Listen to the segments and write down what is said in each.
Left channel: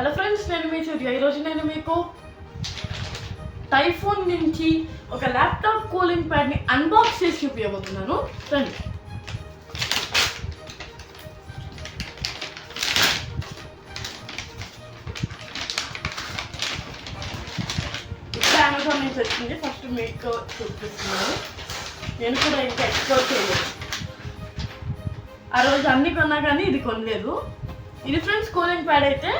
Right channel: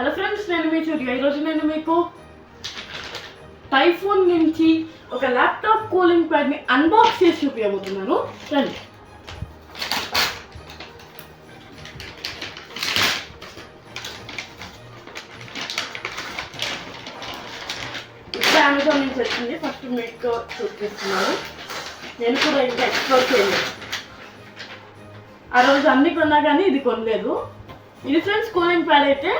Hello friends, నేను మీ సూర్య. ఈరోజు నేను మీకు టైఫోన్ నుంచి ఒక ల్యాప్టాప్ కూలింగ్ ప్యాడ్ని అన్బాక్స్ చేసి చూపించబోతున్నాను. రండి. ఇప్పుడు అమెజాన్ నుంచి వచ్చింది. ఫస్ట్ మీకు చూపిస్తున్నాను. నేను కూడా ఇంకా ఎక్స్ప్లోర్ చేయలేదు. ఆ రోజు అన్ని కొన్నా కానీ ఇది కొనలేదు. ఇది ఫ్రెండ్స్ కూలింగ్ ప్యాడ్ అయితే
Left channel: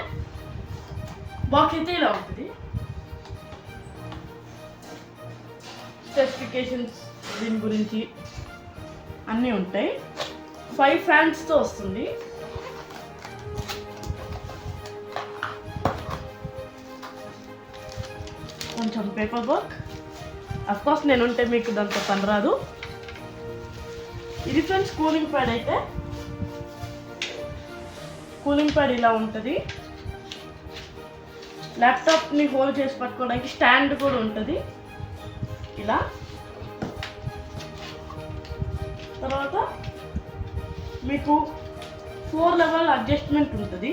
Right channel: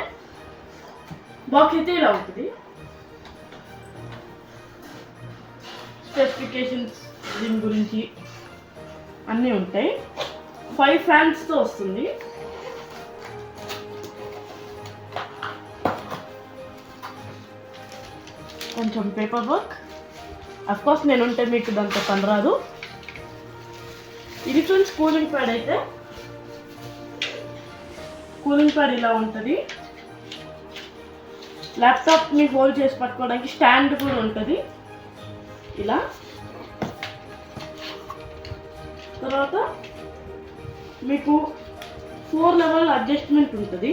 బాక్స్ అయితే ఇలా ఉంటుంది. స్పెసిఫికేషన్స్ దీని గురించి అన్నీ ఉంటాయి. 5 ఫ్యాన్స్తో వస్తుంది. కొంచెం పేపర్ వర్క్. అఫ్కోర్స్ నేను ఉంటే మీకు దాంతో పని రాదు. ఇది ఫ్రెండ్స్ కూలింగ్ ప్యాడ్ అయితే కూలింగ్ ప్యాడ్ ఇలా ఉంటుంది. ల్యాప్టాప్ని హోల్డ్ చేసి పట్టుకోవడానికి స్టాండ్ కూడా ఉంటుంది ఇలా. తర్వాత మీకు 4 లెవెల్ అడ్జస్ట్మెంట్ ఉంటుంది.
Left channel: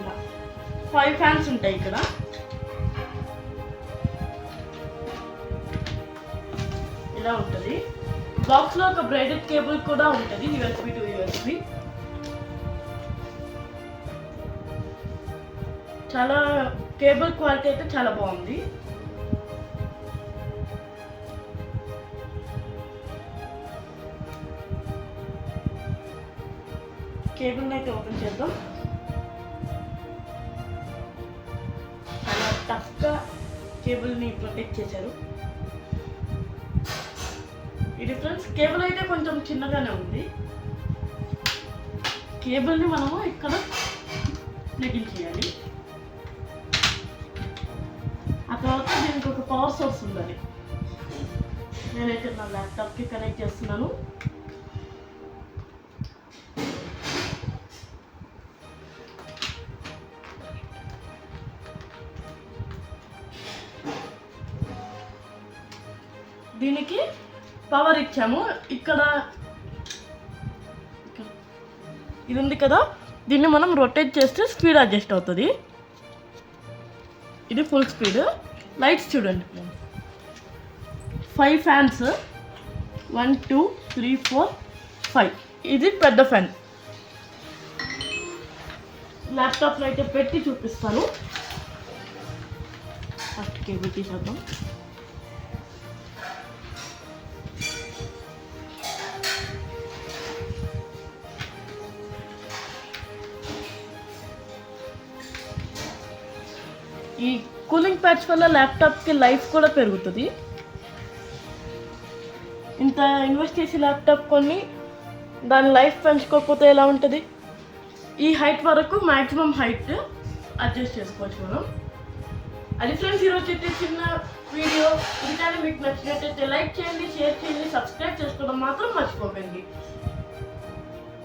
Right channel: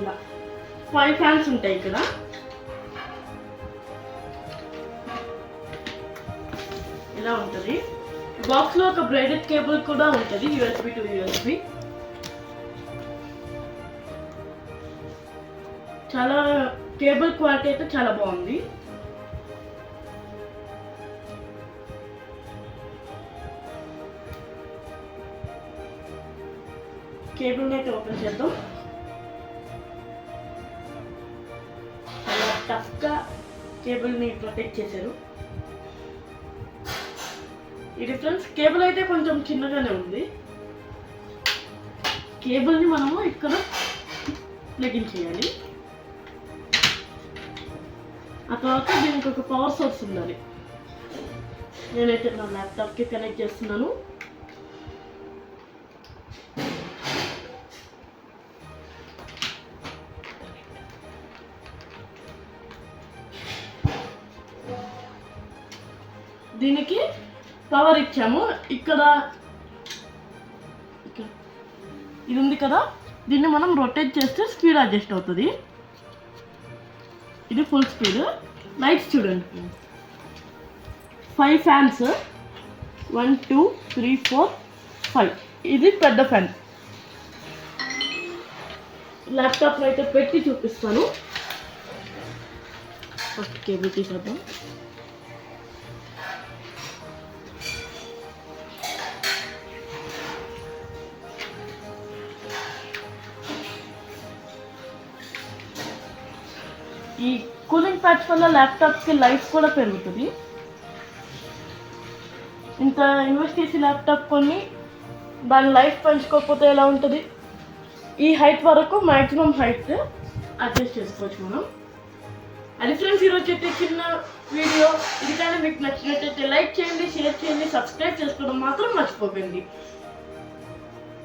ఇలా 5 ఫ్యాన్స్ ఉంటాయి ఇక్కడ. ఇలా ఉంటుంది. బాక్స్లో ఒక బ్రైడెడ్ కేబుల్ కూడా ఉంటుంది, USB టు USB. చాలా కేబుల్ క్వాలిటీ అయితే చాలా బాగుంది. కేబుల్ని అయితే ఓపెన్ చేద్దాం. చాలా టఫ్గా కేబుల్ని ప్రొటెక్ట్ చేశారు. ఈ డిఫరెన్స్ కేబుల్ అయితే కొంచెం చిన్నగానే ఉంది. కేబుల్ని మనము ఇక్కడ ప్లగ్ చేయాలి. ఆ తర్వాత దీనికి ఒక పవర్ సోర్స్ ఉండాలి. నేనైతే నా ల్యాప్టాప్కి కనెక్ట్ చేస్తున్నాను. దీనికి పవర్ ఇచ్చాము. ఇక్కడ ఇది ఉంది కదా, దీన్ని మనం రొటేట్ చేస్తే స్పీడ్ అడ్జస్ట్ అవుతుంది. ఇది ఫుల్ స్పీడ్. లైట్స్ చూడండి. 5 ఫ్యాన్స్, 1 2 3 4 5. ఇది పెద్ద ఫ్యాన్. ల్యాప్టాప్లో అయితే పెట్టి చూపిస్తాను. ఫస్ట్ కేబుల్ తీసేద్దాం. ఈ కూలింగ్ ప్యాడ్స్ వల్ల ల్యాప్టాప్కి లైఫ్ కూడా పెరుగుతుంది. ఇంత ఇన్వెస్ట్ చేసి ల్యాప్టాప్ కొని దాని లైఫ్ పెంచుకోకపోతే ఎలా ఉంటుంది? ఈ హైట్ వరకు మ్యాక్సిమం హైట్ అడ్జస్ట్ చేసుకోవచ్చు మనం. అది ఫ్రెండ్స్ ఈరోజు అయితే చిన్న వీడియో. ఇది కానీ మీకు నచ్చినట్టయితే లైక్ చేయండి, షేర్ చేయండి, సబ్స్క్రైబ్ చేసుకోవడం మాత్రం మర్చిపోకండి.